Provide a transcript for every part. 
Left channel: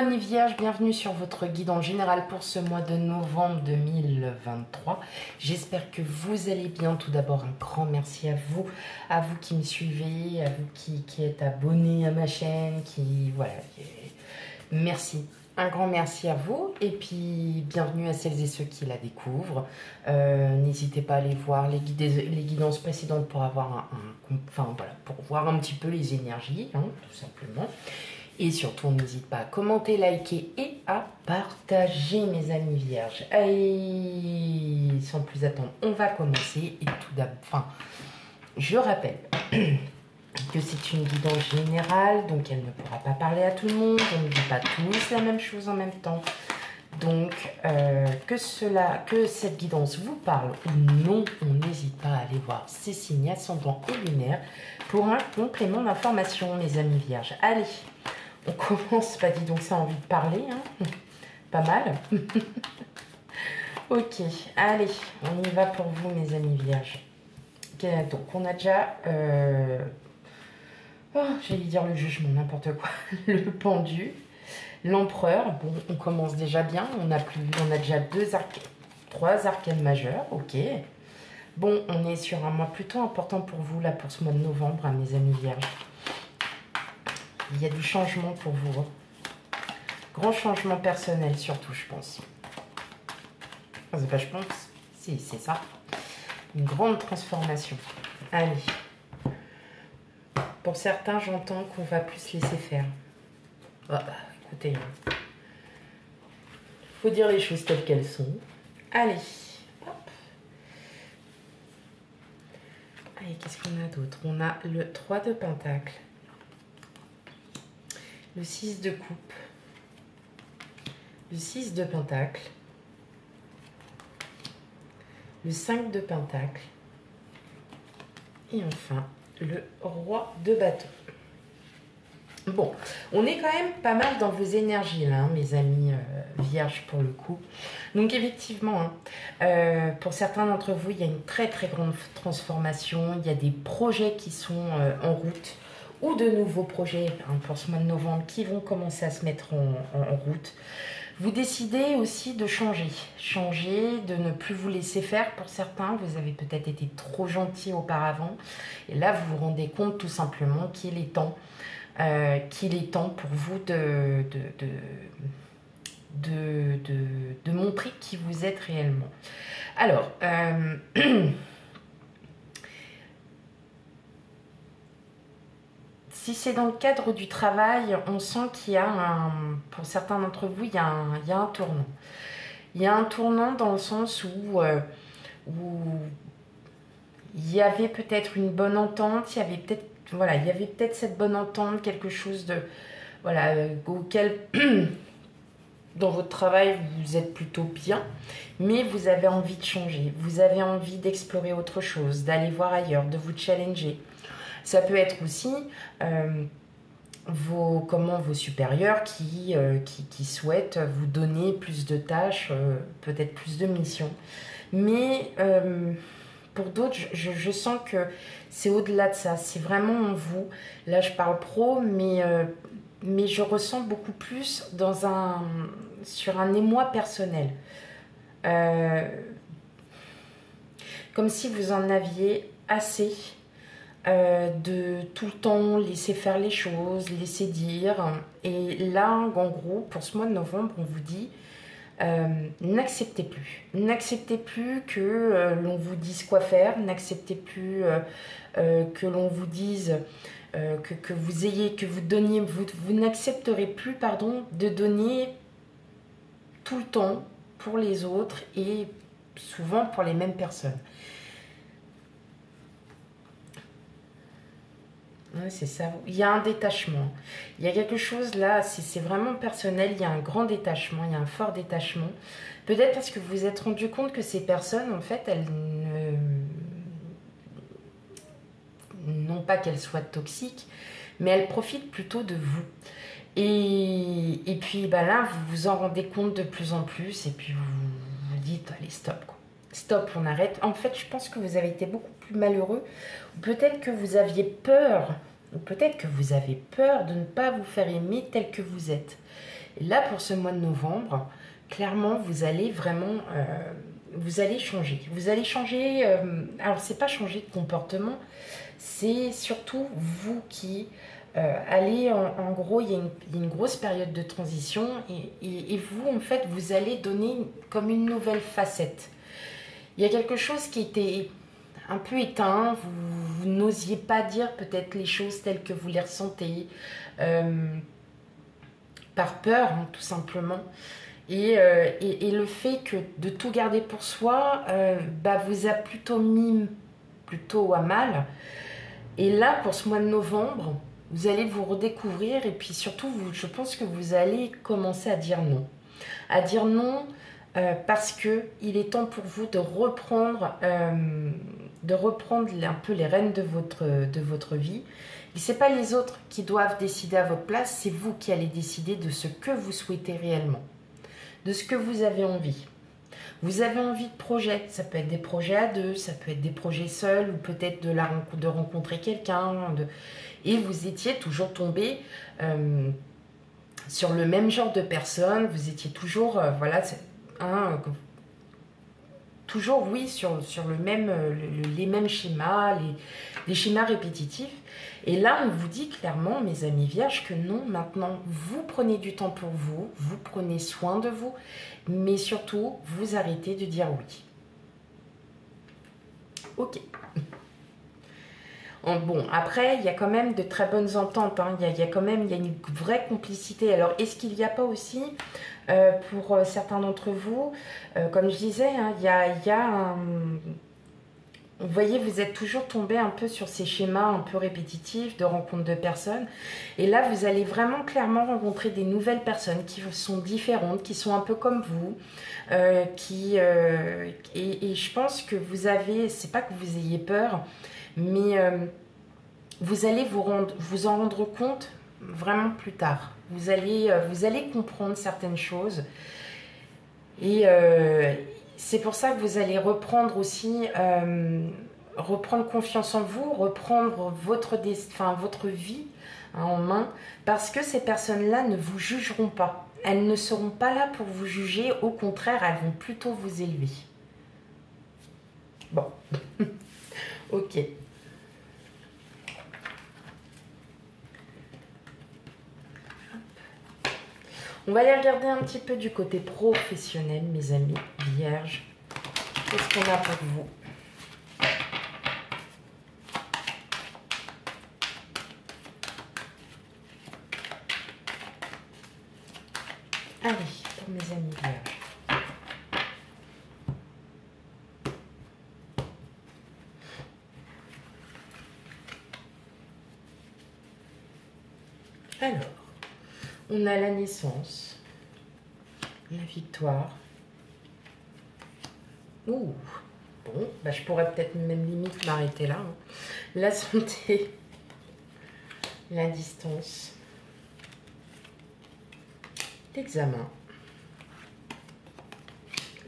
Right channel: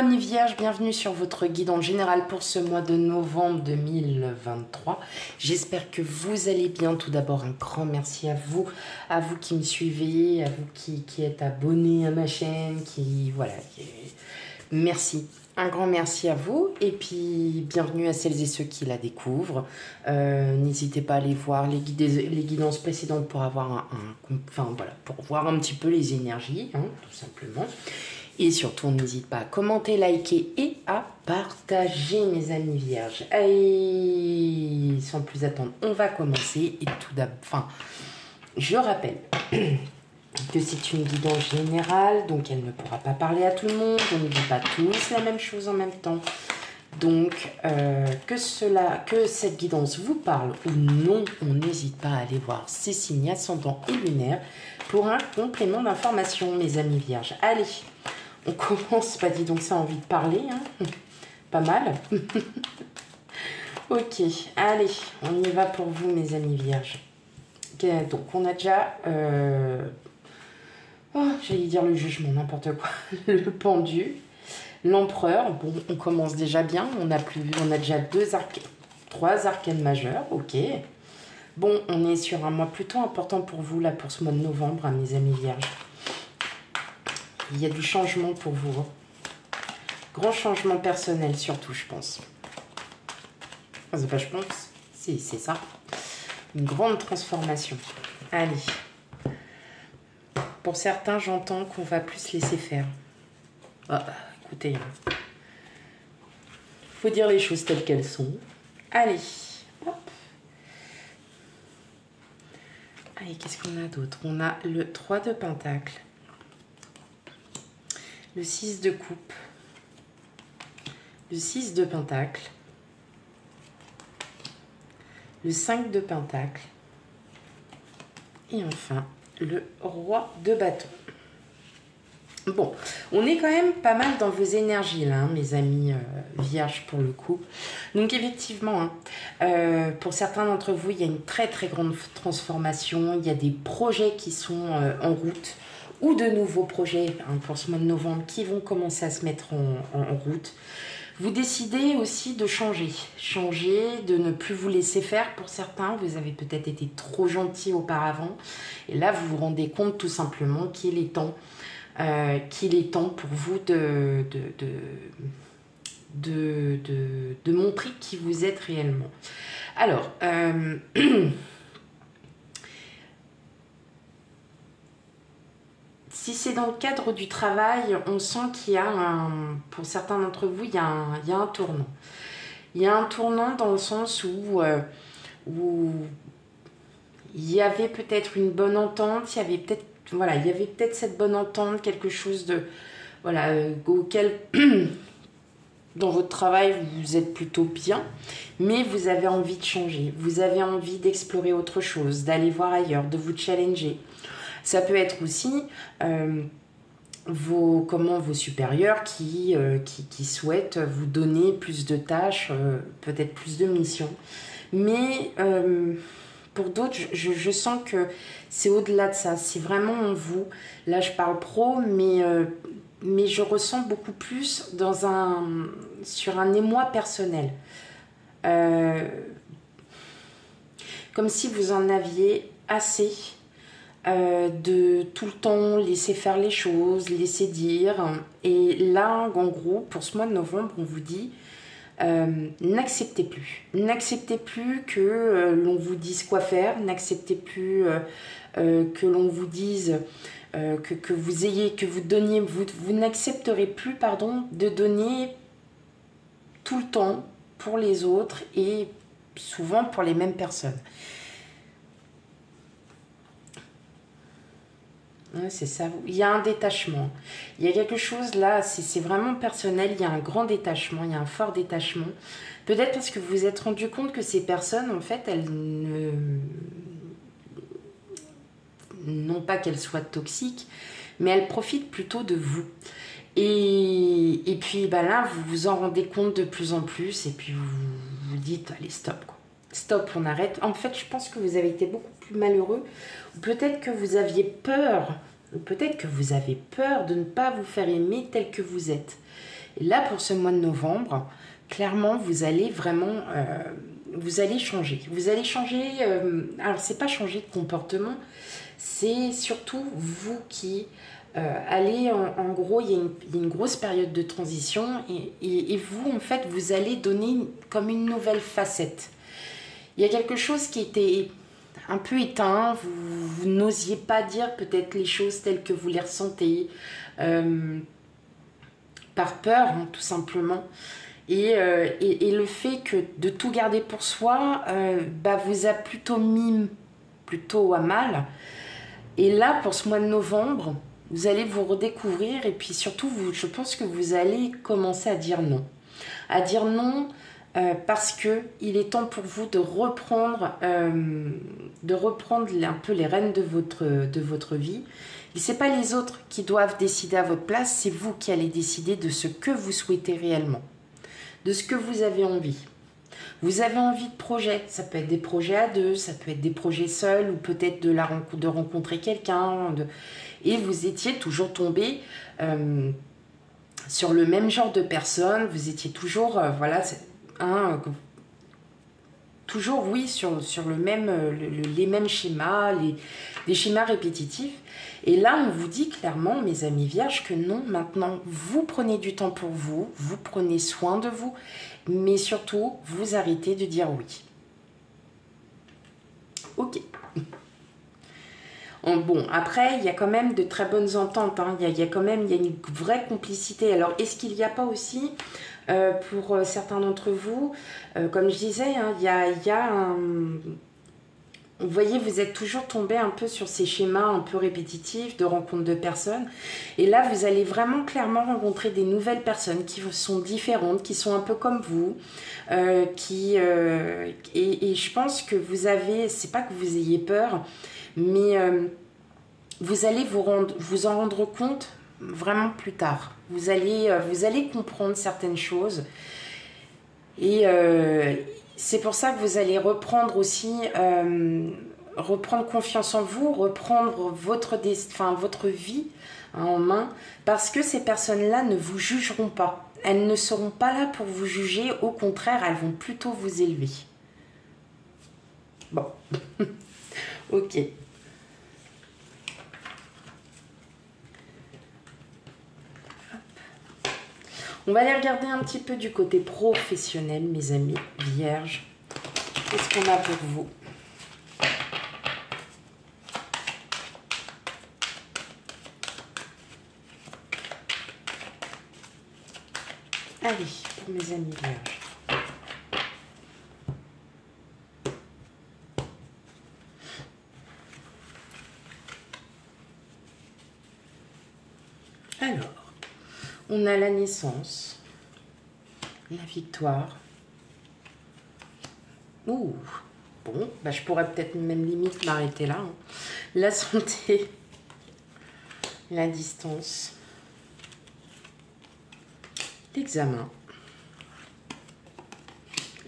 amis vierges, bienvenue sur votre guide en général pour ce mois de novembre 2023. J'espère que vous allez bien. Tout d'abord, un grand merci à vous qui me suivez, à vous qui êtes abonnés à ma chaîne, merci. Un grand merci à vous et puis bienvenue à celles et ceux qui la découvrent. N'hésitez pas à aller voir les guidances précédentes pour avoir pour voir un petit peu les énergies, hein, tout simplement. Et surtout, n'hésite pas à commenter, liker et à partager, mes amis vierges. Allez, sans plus attendre, on va commencer. Et tout d'abord, je rappelle que c'est une guidance générale, donc elle ne pourra pas parler à tout le monde. On ne dit pas tous la même chose en même temps. Donc, que cette guidance vous parle ou non, on n'hésite pas à aller voir ses signes ascendants et lunaires pour un complément d'information, mes amis vierges. Allez, on commence, pas dit donc ça a envie de parler, hein. Pas mal. Ok, allez, on y va pour vous, mes amis vierges. Donc, on a déjà, j'allais dire le jugement, n'importe quoi, le pendu, l'empereur. Bon, on commence déjà bien, on a déjà trois arcanes majeures, ok. Bon, on est sur un mois plutôt important pour vous, là, pour ce mois de novembre, hein, mes amis vierges. Il y a du changement pour vous. Grand changement personnel, surtout, je pense. C'est pas je pense, c'est ça. Une grande transformation. Allez. Pour certains, j'entends qu'on va plus laisser faire. Écoutez, faut dire les choses telles qu'elles sont. Allez. Hop. Allez, qu'est-ce qu'on a d'autre? On a le 3 de Pentacle. Le 6 de coupe, le 6 de pentacle, le 5 de pentacle et enfin le roi de bâton. Bon, on est quand même pas mal dans vos énergies là, hein, mes amis vierges pour le coup. Donc effectivement, hein, pour certains d'entre vous, il y a une très très grande transformation. Il y a des projets qui sont en route, ou de nouveaux projets, hein, pour ce mois de novembre qui vont commencer à se mettre en route. Vous décidez aussi de changer, de ne plus vous laisser faire pour certains. Vous avez peut-être été trop gentil auparavant et là vous vous rendez compte tout simplement qu'il est temps pour vous de montrer qui vous êtes réellement. Alors, si c'est dans le cadre du travail, on sent qu'il y a pour certains d'entre vous, il y a un tournant. Il y a un tournant dans le sens où il y avait peut-être une bonne entente, il y avait peut-être cette bonne entente, quelque chose de auquel dans votre travail vous êtes plutôt bien, mais vous avez envie de changer, vous avez envie d'explorer autre chose, d'aller voir ailleurs, de vous challenger. Ça peut être aussi vos supérieurs qui souhaitent vous donner plus de tâches, peut-être plus de missions. Mais pour d'autres, je sens que c'est au-delà de ça. C'est vraiment en vous. Là, je parle pro, mais je ressens beaucoup plus sur un émoi personnel. Comme si vous en aviez assez de tout le temps laisser faire les choses, laisser dire. Et là, en gros, pour ce mois de novembre, on vous dit n'acceptez plus. N'acceptez plus que l'on vous dise quoi faire. N'acceptez plus que l'on vous dise vous n'accepterez plus, de donner tout le temps pour les autres et souvent pour les mêmes personnes. C'est ça, il y a un détachement, il y a quelque chose là, c'est vraiment personnel, il y a un grand détachement, il y a un fort détachement, peut-être parce que vous vous êtes rendu compte que ces personnes, en fait, elles non pas qu'elles soient toxiques, mais elles profitent plutôt de vous. Et puis là, vous vous en rendez compte de plus en plus, et puis vous vous dites, allez, stop, quoi. Stop, on arrête. En fait, je pense que vous avez été beaucoup plus malheureux. Peut-être que vous aviez peur. Peut-être que vous avez peur de ne pas vous faire aimer tel que vous êtes. Et là, pour ce mois de novembre, clairement, vous allez vraiment, vous allez changer. Vous allez changer, alors c'est pas changer de comportement, c'est surtout vous qui allez, en gros, il y a une grosse période de transition et vous, en fait, vous allez donner comme une nouvelle facette. Il y a quelque chose qui était un peu éteint, vous n'osiez pas dire peut-être les choses telles que vous les ressentez, par peur, hein, tout simplement. Et le fait que de tout garder pour soi vous a plutôt mis plutôt à mal. Et là, pour ce mois de novembre, vous allez vous redécouvrir et puis surtout, je pense que vous allez commencer à dire non. À dire non parce que il est temps pour vous de reprendre un peu les rênes de votre vie. Et ce n'est pas les autres qui doivent décider à votre place, c'est vous qui allez décider de ce que vous souhaitez réellement, de ce que vous avez envie. Vous avez envie de projets, ça peut être des projets à deux, ça peut être des projets seuls ou peut-être de rencontrer quelqu'un. Et vous étiez toujours tombé sur le même genre de personne, vous étiez toujours, toujours oui, sur le même, les mêmes schémas, les schémas répétitifs. Et là, on vous dit clairement, mes amis vierges, que non, maintenant, vous prenez du temps pour vous, vous prenez soin de vous, mais surtout, vous arrêtez de dire oui. Ok. Bon, après, il y a quand même de très bonnes ententes, hein. Il y a une vraie complicité. Alors, est-ce qu'il n'y a pas aussi, pour certains d'entre vous, comme je disais, hein, il y a un... Vous voyez, vous êtes toujours tombé un peu sur ces schémas un peu répétitifs de rencontres de personnes. Et là, vous allez vraiment clairement rencontrer des nouvelles personnes qui sont différentes, qui sont un peu comme vous. Et je pense que vous avez, c'est pas que vous ayez peur, mais vous allez vous en rendre compte vraiment plus tard. Vous allez comprendre certaines choses. Et c'est pour ça que vous allez reprendre aussi, reprendre confiance en vous, reprendre votre vie, hein, en main, parce que ces personnes-là ne vous jugeront pas. Elles ne seront pas là pour vous juger, au contraire, elles vont plutôt vous élever. Bon, ok. On va aller regarder un petit peu du côté professionnel, mes amis vierges. Qu'est-ce qu'on a pour vous? Allez, pour mes amis vierges. Alors, on a la naissance, la victoire. Ouh, bon, je pourrais peut-être même limite m'arrêter là, hein. La santé, la distance, l'examen,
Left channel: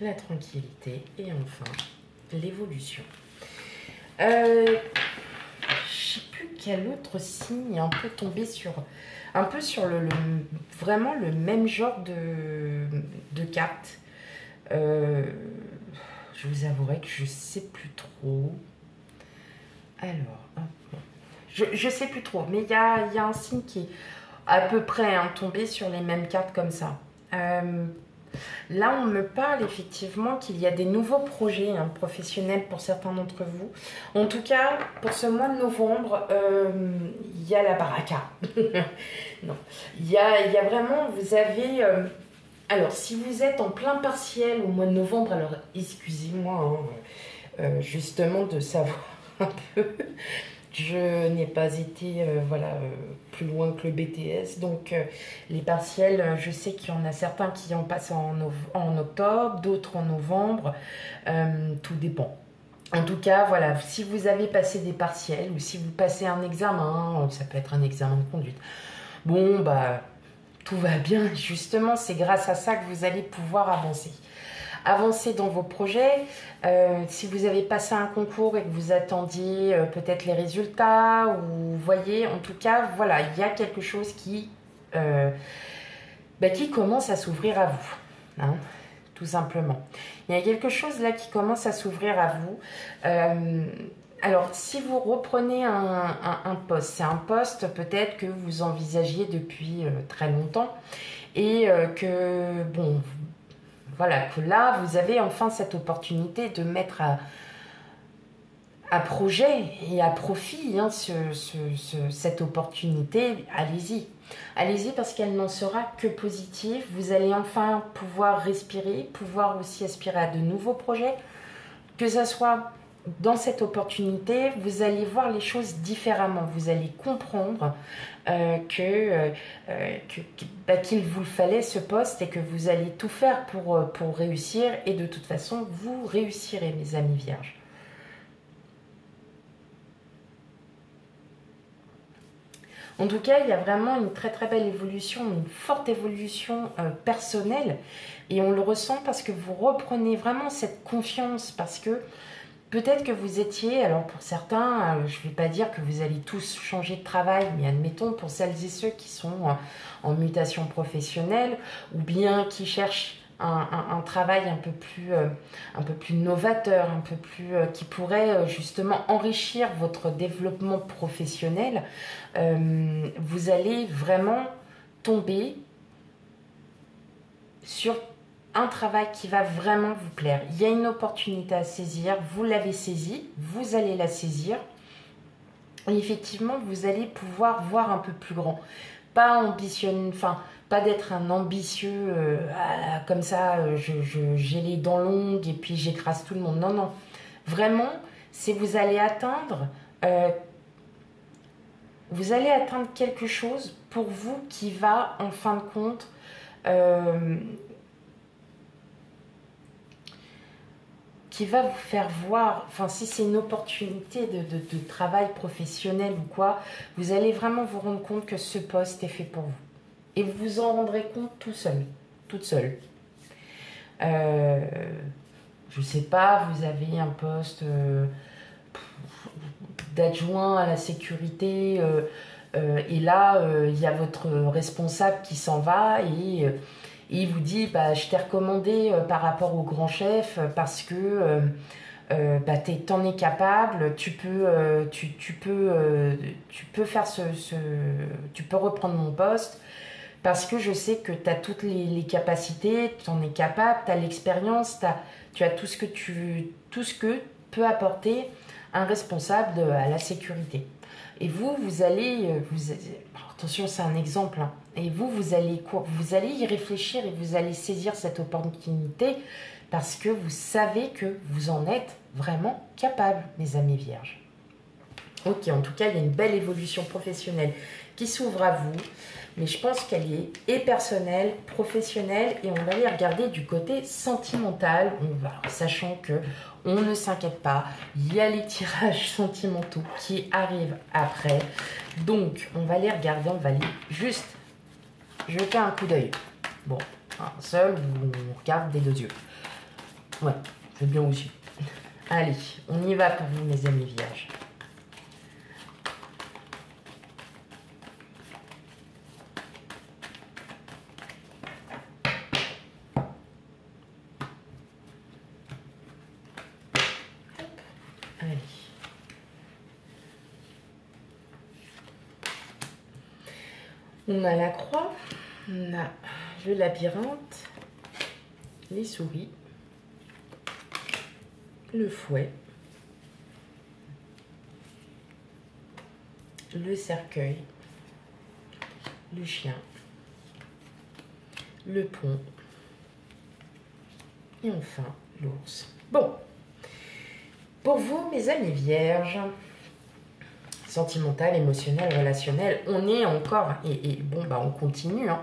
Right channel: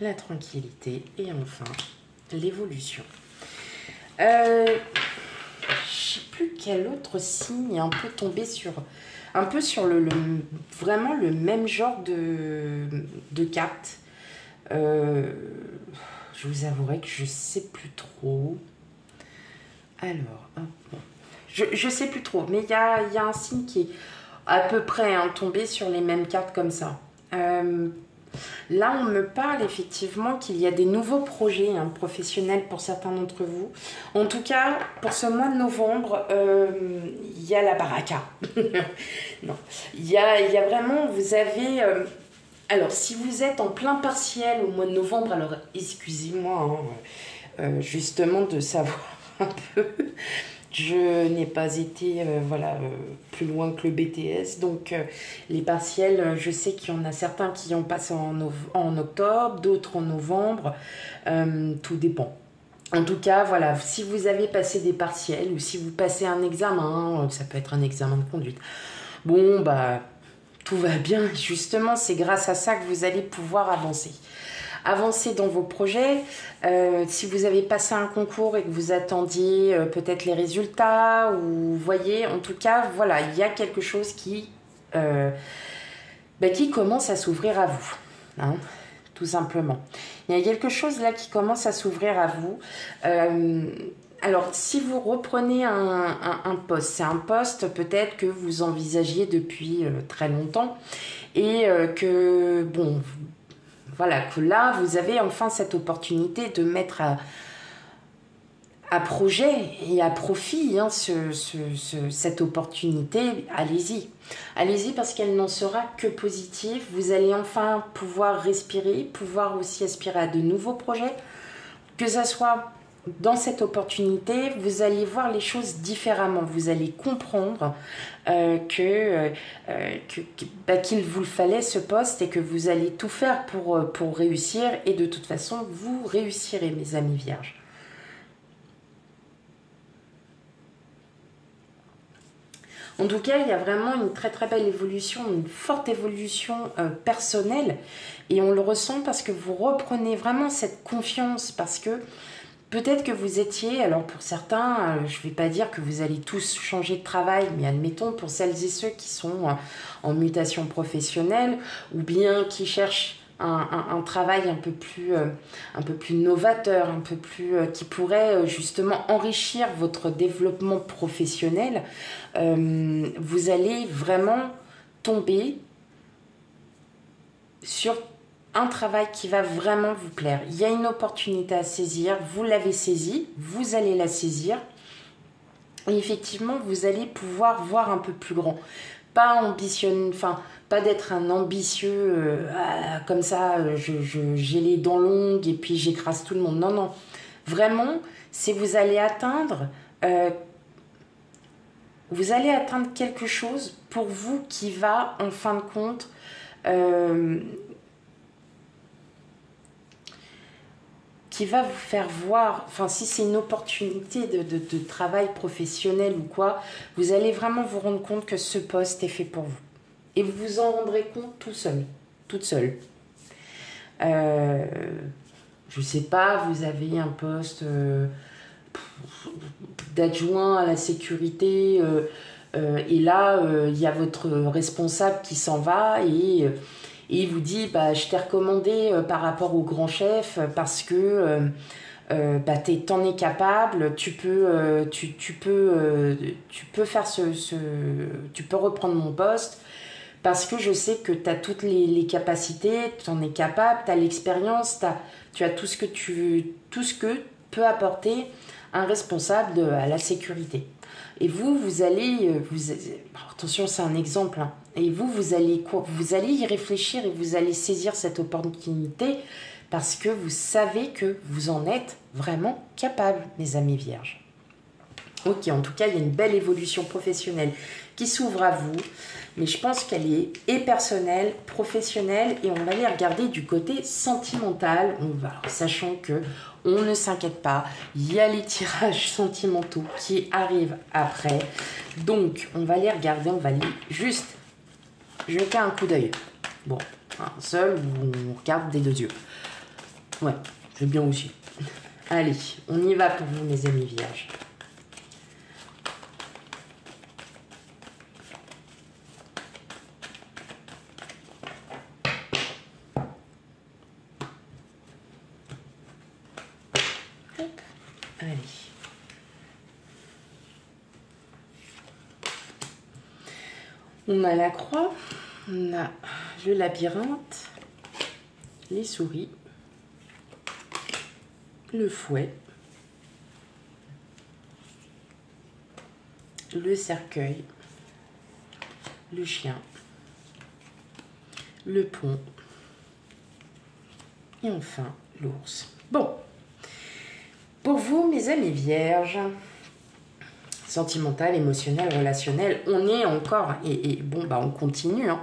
la tranquillité et enfin l'évolution. Je ne sais plus quel autre signe est un peu tombé sur vraiment le même genre de carte. Je vous avouerai que je sais plus trop. Alors, bon. Je sais plus trop, mais il y a un signe qui est à peu près, hein, tombé sur les mêmes cartes comme ça. Là, on me parle effectivement qu'il y a des nouveaux projets, hein, professionnels pour certains d'entre vous. En tout cas, pour ce mois de novembre, il y a la baraka. Non, il y a vraiment, vous avez... alors, si vous êtes en plein partiel au mois de novembre, alors excusez-moi, hein, justement de savoir un peu... Je n'ai pas été plus loin que le BTS, donc les partiels, je sais qu'il y en a certains qui ont passé en octobre, d'autres en novembre, tout dépend. En tout cas, voilà, si vous avez passé des partiels ou si vous passez un examen, ça peut être un examen de conduite, bon, tout va bien. Justement, c'est grâce à ça que vous allez pouvoir avancer. Avancez dans vos projets. Si vous avez passé un concours et que vous attendiez peut-être les résultats, ou vous voyez, en tout cas, voilà, il y a quelque chose qui qui commence à s'ouvrir à vous, hein, tout simplement. Il y a quelque chose là qui commence à s'ouvrir à vous. Alors, si vous reprenez un poste, c'est un poste peut-être que vous envisagiez depuis très longtemps et que, bon, voilà, que là, vous avez enfin cette opportunité de mettre à projet et à profit hein, cette opportunité. Allez-y. Allez-y parce qu'elle n'en sera que positive. Vous allez enfin pouvoir respirer, pouvoir aussi aspirer à de nouveaux projets. Que ça soit dans cette opportunité, vous allez voir les choses différemment. Vous allez comprendre qu'il vous fallait ce poste et que vous allez tout faire pour réussir. Et de toute façon, vous réussirez, mes amis vierges. En tout cas, il y a vraiment une très très belle évolution, une forte évolution personnelle. Et on le ressent parce que vous reprenez vraiment cette confiance. Parce que peut-être que vous étiez, alors pour certains, je ne vais pas dire que vous allez tous changer de travail, mais admettons pour celles et ceux qui sont en mutation professionnelle ou bien qui cherchent un travail un peu plus novateur, un peu plus qui pourrait justement enrichir votre développement professionnel, vous allez vraiment tomber sur un travail qui va vraiment vous plaire. Il y a une opportunité à saisir, vous l'avez saisie, vous allez la saisir et effectivement vous allez pouvoir voir un peu plus grand. Pas ambitionner, enfin pas d'être un ambitieux comme ça, j'ai les dents longues et puis j'écrase tout le monde. Non, non. Vraiment, c'est vous allez atteindre quelque chose pour vous qui va, en fin de compte, qui va vous faire voir, enfin si c'est une opportunité de travail professionnel ou quoi, vous allez vraiment vous rendre compte que ce poste est fait pour vous. Et vous vous en rendrez compte tout seul, toute seule. Je sais pas, vous avez un poste d'adjoint à la sécurité et là, il y a votre responsable qui s'en va et il vous dit, je t'ai recommandé par rapport au grand chef parce que t'en es capable, tu peux faire tu peux reprendre mon poste parce que je sais que tu as toutes les capacités, tu en es capable, tu as l'expérience, tu as tout ce que peut apporter un responsable à la sécurité. Et vous allez, attention, c'est un exemple, hein, et vous allez y réfléchir et vous allez saisir cette opportunité parce que vous savez que vous en êtes vraiment capable, mes amis vierges. Ok, en tout cas, il y a une belle évolution professionnelle qui s'ouvre à vous, mais je pense qu'elle est personnelle, professionnelle, et on va aller regarder du côté sentimental, sachant que on ne s'inquiète pas, il y a les tirages sentimentaux qui arrivent après, donc on va les regarder, on va aller juste jeter un coup d'œil. Bon, un seul ou on regarde des deux yeux. Ouais, je veux bien aussi. Allez, on y va pour vous, mes amis vierges. Allez. On a la croix, on a le labyrinthe, les souris, le fouet, le cercueil, le chien, le pont et enfin l'ours. Bon, pour vous, mes amis vierges, sentimental, émotionnel, relationnel, on est encore, on continue, hein.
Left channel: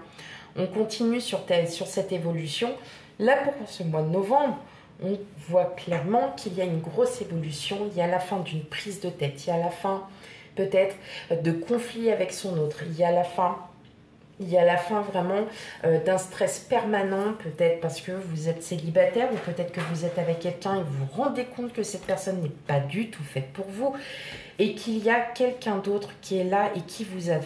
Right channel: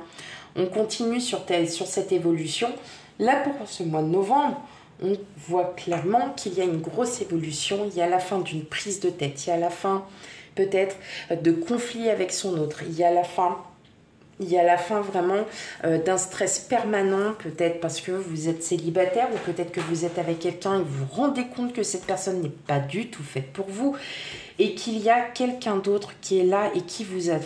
On continue sur cette évolution. Là, pour ce mois de novembre, on voit clairement qu'il y a une grosse évolution, il y a la fin d'une prise de tête, il y a la fin peut-être de conflits avec son autre, il y a la fin vraiment d'un stress permanent, peut-être parce que vous êtes célibataire ou peut-être que vous êtes avec quelqu'un et vous vous rendez compte que cette personne n'est pas du tout faite pour vous et qu'il y a quelqu'un d'autre qui est là et qui vous a,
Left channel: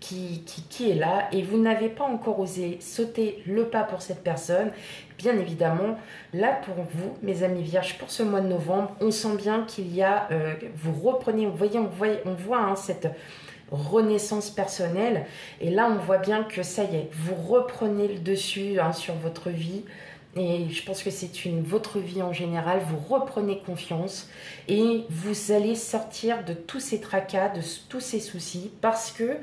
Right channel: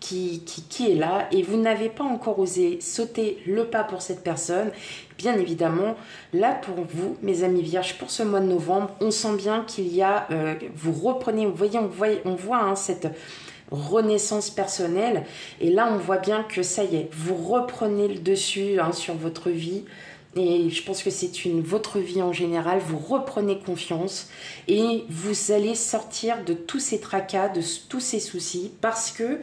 qui est là et vous n'avez pas encore osé sauter le pas pour cette personne, bien évidemment, là pour vous, mes amis vierges, pour ce mois de novembre, on sent bien qu'il y a, vous reprenez, vous voyez, on voit hein, cette renaissance personnelle et là on voit bien que ça y est, vous reprenez le dessus hein, sur votre vie. Et je pense que c'est votre vie en général, vous reprenez confiance et vous allez sortir de tous ces tracas, de tous ces soucis parce que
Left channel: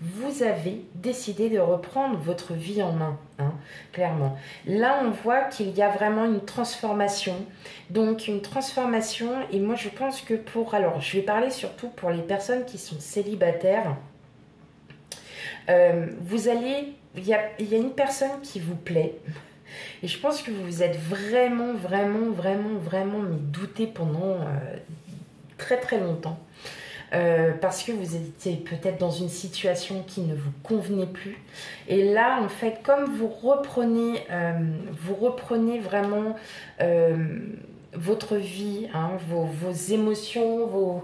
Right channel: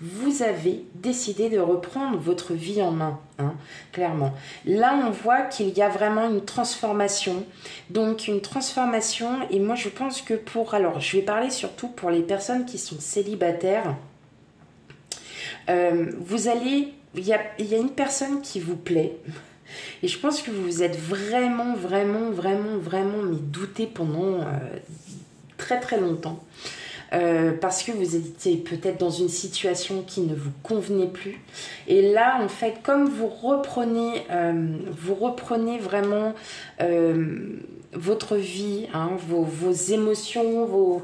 vous avez décidé de reprendre votre vie en main, hein, clairement. Là, on voit qu'il y a vraiment une transformation. Donc, une transformation et moi, je pense que alors, je vais parler surtout pour les personnes qui sont célibataires. Il y a une personne qui vous plaît. Et je pense que vous vous êtes vraiment mais douté pendant très très longtemps. Parce que vous étiez peut-être dans une situation qui ne vous convenait plus. Et là, en fait, comme vous reprenez vraiment votre vie, hein, vos émotions,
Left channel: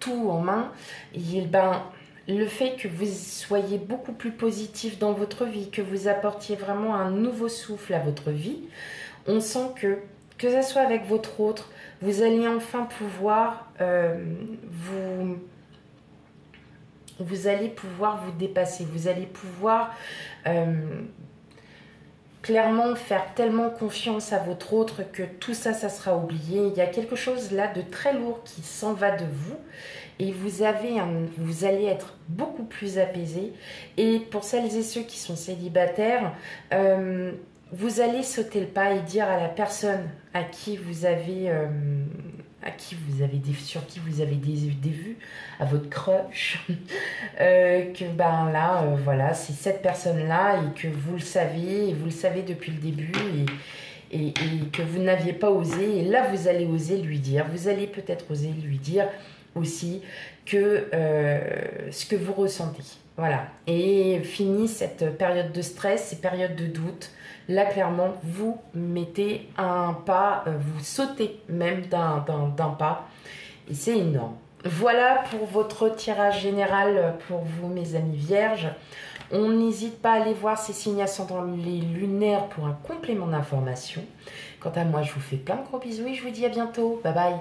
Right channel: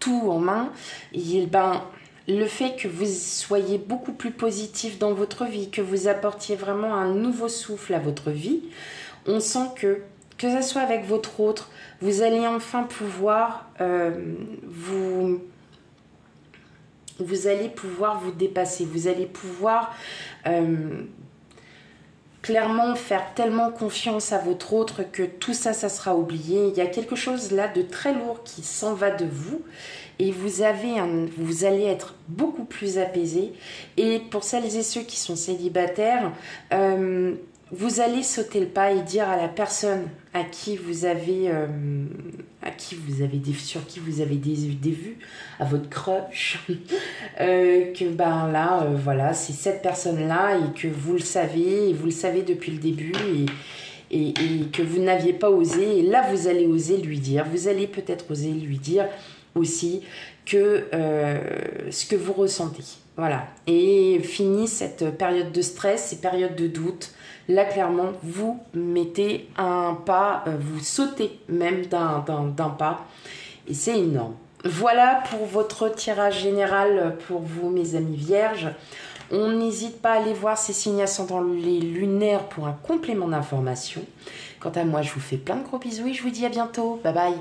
tout en main, et ben, le fait que vous soyez beaucoup plus positif dans votre vie, que vous apportiez vraiment un nouveau souffle à votre vie, on sent que ce soit avec votre autre, vous allez enfin pouvoir vous allez pouvoir vous dépasser, vous allez pouvoir clairement faire tellement confiance à votre autre que tout ça, ça sera oublié. Il y a quelque chose là de très lourd qui s'en va de vous et vous allez être beaucoup plus apaisé. Et pour celles et ceux qui sont célibataires, vous allez sauter le pas et dire à la personne sur qui vous avez des vues, à votre crush, que ben là, voilà, c'est cette personne-là et que vous le savez depuis le début et que vous n'aviez pas osé. Et là, vous allez oser lui dire, vous allez peut-être oser lui dire aussi que ce que vous ressentez. Voilà. Et fini cette période de stress, ces périodes de doute. Là, clairement, vous mettez un pas, vous sautez même d'un pas. Et c'est énorme. Voilà pour votre tirage général pour vous, mes amis vierges. On n'hésite pas à aller voir ces signes ascendants les lunaires pour un complément d'information. Quant à moi, je vous fais plein de gros bisous et je vous dis à bientôt. Bye bye.